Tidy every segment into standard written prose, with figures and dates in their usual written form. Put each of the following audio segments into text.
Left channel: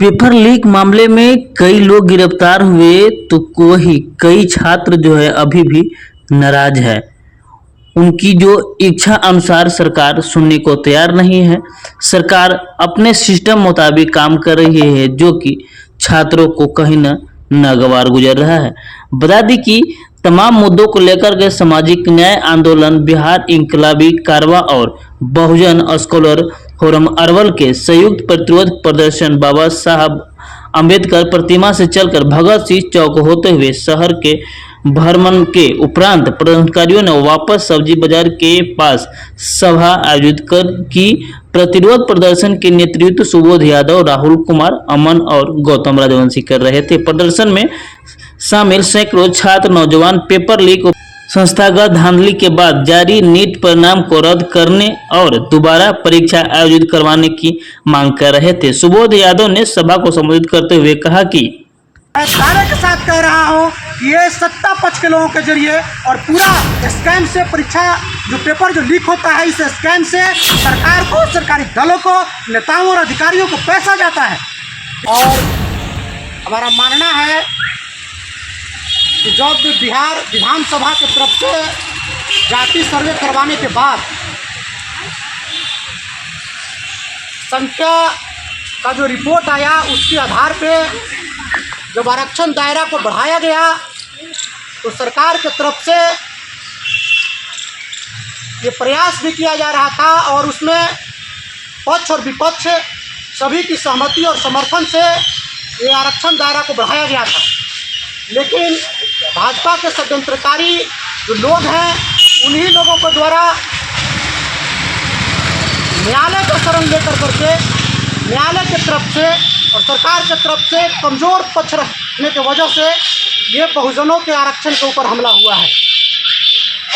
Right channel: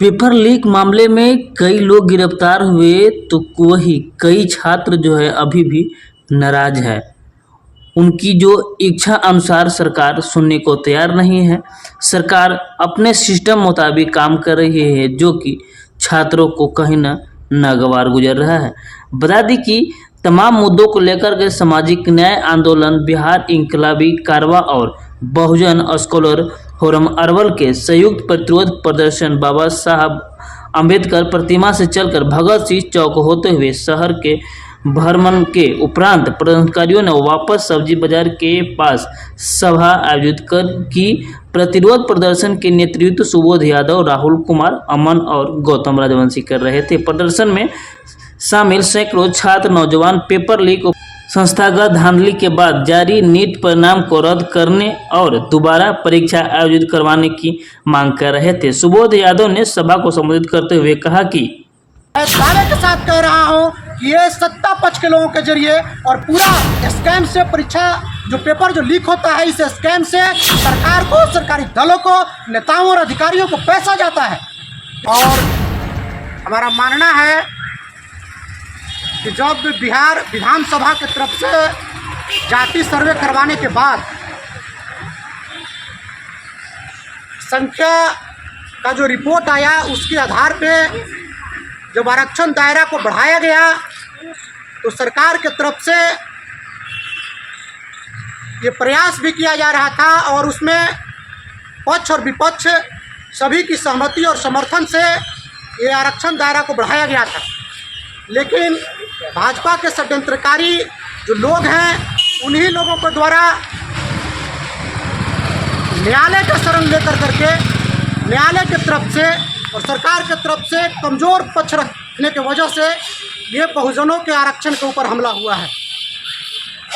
Paper leak मामले में कई लोग गिरफ्तार हुए तो वही कई छात्र जो है अभी भी नाराज है। उनकी जो इच्छा अनुसार सरकार सुनने को तैयार नहीं है। सरकार अपने सिस्टम मुताबिक काम कर रही है जो कि छात्रों को कहीं नागवार गुजर रहा है। बता दी कि तमाम मुद्दों को लेकर के सामाजिक न्याय आंदोलन, बिहार इंकलाबी कारवा और बहुजन स्कॉलर फोरम अरवल के संयुक्त प्रतिरोध प्रदर्शन बाबा साहब अम्बेडकर प्रतिमा से चलकर भगत सिंह चौक होते हुए शहर के भ्रमण के उपरांत प्रदर्शनकारियों ने वापस सब्जी बाजार के पास सभा आयोजित कर की। प्रतिरोध प्रदर्शन के नेतृत्व सुबोध यादव, राहुल कुमार, अमन और गौतम राजवंशी कर रहे थे। प्रदर्शन में शामिल सैकड़ों छात्र नौजवान पेपर लीक, संस्थागत धांधली के बाद जारी नीट परिणाम को रद्द करने और दोबारा परीक्षा आयोजित करवाने की मांग कर रहे थे। सुबोध यादव ने सभा को संबोधित करते हुए कहा कि मैं दावे के साथ कह रहा हूं कि ये सत्ता पक्ष के लोगों के जरिए और पूरा स्कैम से परीक्षा जो पेपर जो लीक होता है, इस स्कैम से सरकार को, सरकारी दलों को, नेताओं और अधिकारियों को पैसा जाता है। और हमारा मानना है कि जब बिहार विधानसभा की तरफ से जाति सर्वे करवाने के बाद संख्या का जो रिपोर्ट आया, उसके आधार पे जब आरक्षण दायरा को बढ़ाया गया तो सरकार की तरफ से ये प्रयास भी किया जा रहा था और उसमें पक्ष और विपक्ष सभी की सहमति और समर्थन से ये आरक्षण दायरा को बढ़ाया गया था। लेकिन भाजपा के षड्यंत्रकारी जो लोग हैं, उन्हीं लोगों के द्वारा न्यायालय का शरण लेकर करके न्यायालय की तरफ से और सरकार की तरफ से कमज़ोर पक्ष रखने की वजह से ये बहुजनों के आरक्षण के ऊपर हमला हुआ है।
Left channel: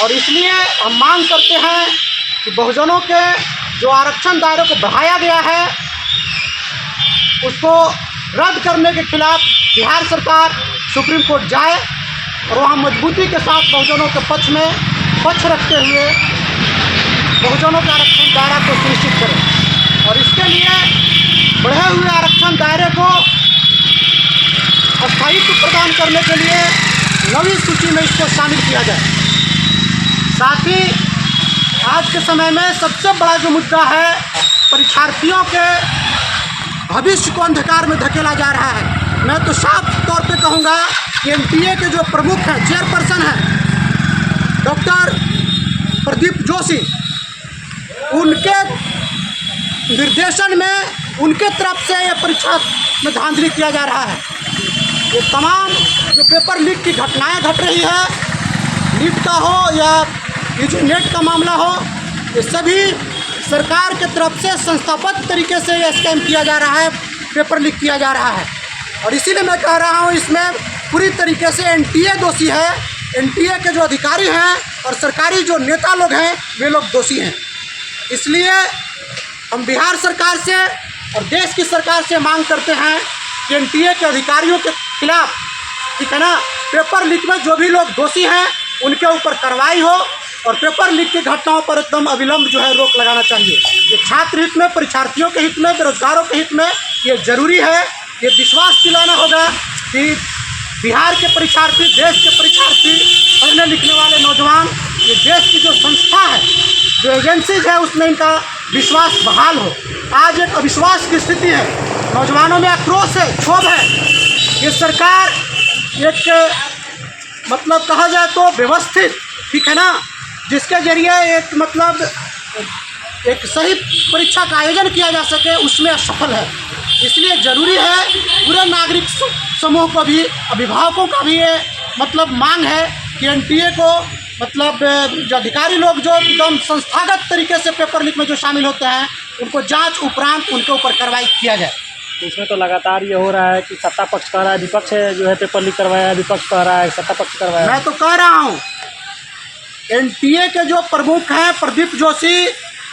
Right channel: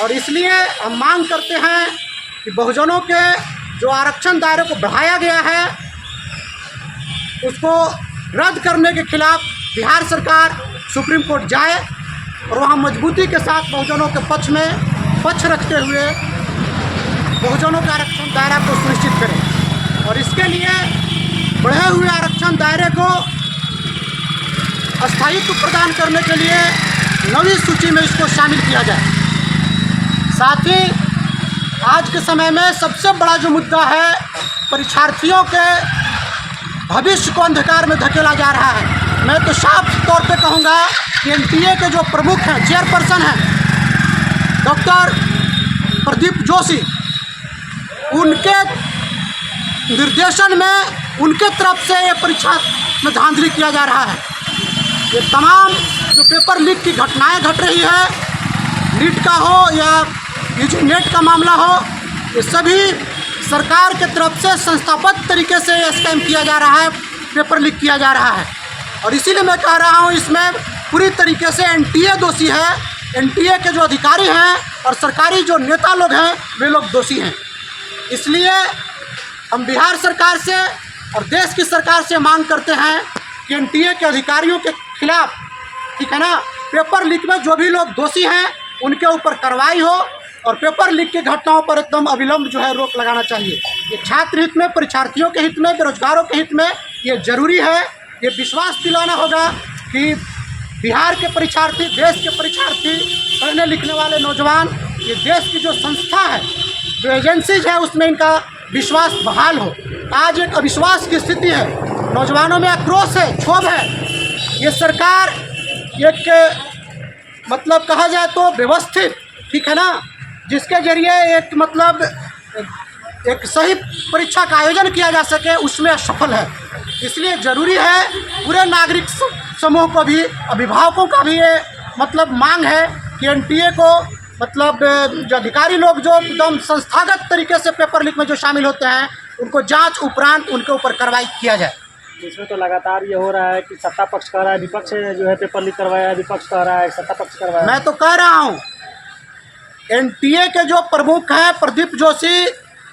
और इसलिए हम मांग करते हैं कि बहुजनों के जो आरक्षण दायरे को बढ़ाया गया है, उसको रद्द करने के खिलाफ बिहार सरकार सुप्रीम कोर्ट जाए और वहाँ मजबूती के साथ बहुजनों के पक्ष रखते हुए बहुजनों के आरक्षण दायरा को सुनिश्चित करें। और इसके लिए बढ़े हुए आरक्षण दायरे को स्थायित्व प्रदान करने के लिए नवी सूची में इसको शामिल किया जाए। साथ ही आज के समय में सबसे बड़ा जो मुद्दा है, परीक्षार्थियों के भविष्य को अंधकार में धकेला जा रहा है। मैं तो साफ तौर पे कहूँगा कि एनटीए के जो प्रमुख हैं, चेयरपर्सन हैं डॉक्टर प्रदीप जोशी, उनके निर्देशन में उनके तरफ से ये परीक्षा में धांधली किया जा रहा है। ये तमाम जो पेपर लीक की घटनाएं घट रही है, नीट का हो या ये जो नेट का मामला हो, ये सभी सरकार के तरफ से संस्थागत तरीके से ये स्कैम किया जा रहा है, पेपर लीक किया जा रहा है। और इसीलिए मैं कह रहा हूँ, इसमें पूरी तरीके से एनटीए दोषी है। एनटीए के जो अधिकारी हैं और सरकारी जो नेता लोग हैं, वे लोग दोषी हैं। इसलिए हम बिहार सरकार से और देश की सरकार से मांग करते हैं कि एनटीए के अधिकारियों के खिलाफ, ठीक है ना, पेपर लीक में जो भी लोग दोषी हैं उनके ऊपर कार्रवाई हो और पेपर लीक की घटनाओं पर एकदम अविलंब जो है रोक लगाना चाहिए। ये छात्र हित में, परीक्षार्थियों के हित में, बेरोजगारों के हित में ये ज़रूरी है। ये विश्वास दिलाना होगा कि बिहार के परीक्षार्थी, देश के परीक्षार्थी, पढ़ने लिखने वाले नौजवान, ये देश की जो संस्था है, जो एजेंसीज है, उसमें इनका विश्वास बहाल हो। आज एक अविश्वास की स्थिति है, नौजवानों में आक्रोश है, क्षोभ है। ये सरकार एक मतलब कहा जाए तो व्यवस्थित, ठीक है ना, जिसके जरिए एक मतलब एक सही परीक्षा का आयोजन किया जा सके, उसमें असफल है। इसलिए ज़रूरी है पूरे नागरिक समूह को भी, अभिभावकों का भी ये मतलब मांग है कि एनटीए को मतलब जो अधिकारी लोग जो एकदम संस्थागत तरीके से पेपर लीक में जो शामिल होते हैं, उनको जांच उपरांत उनके ऊपर कार्रवाई किया जाए। इसमें तो लगातार ये हो रहा है कि सत्ता पक्ष कह रहा है, विपक्ष जो है पेपर लीक करवाया, विपक्ष कह रहा है सत्ता पक्ष करवाया। मैं तो कह रहा हूँ, एनटीए के जो प्रमुख हैं प्रदीप जोशी,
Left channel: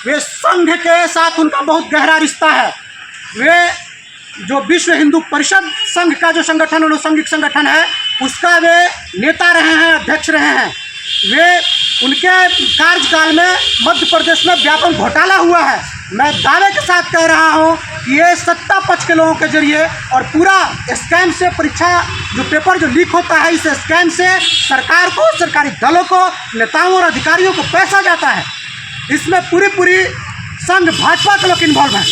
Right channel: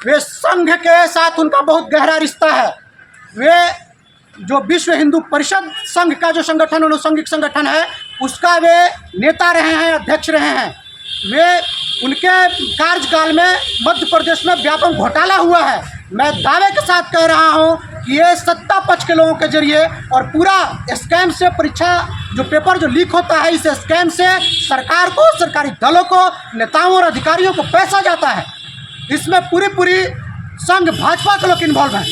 वे संघ के साथ उनका बहुत गहरा रिश्ता है। वे जो विश्व हिंदू परिषद संघ का जो संगठन, अनुषंगिक संगठन है, उसका वे नेता रहे हैं, अध्यक्ष रहे हैं। वे उनके कार्यकाल में मध्य प्रदेश में व्यापक घोटाला हुआ है। मैं दावे के साथ कह रहा हूँ कि ये सत्ता पक्ष के लोगों के जरिए और पूरा स्कैम से परीक्षा जो पेपर जो लीक होता है, इस स्कैम से सरकार को, सरकारी दलों को, नेताओं और अधिकारियों को पैसा जाता है। इसमें पूरी संघ भाजपा के लोग इन्वॉल्व हैं।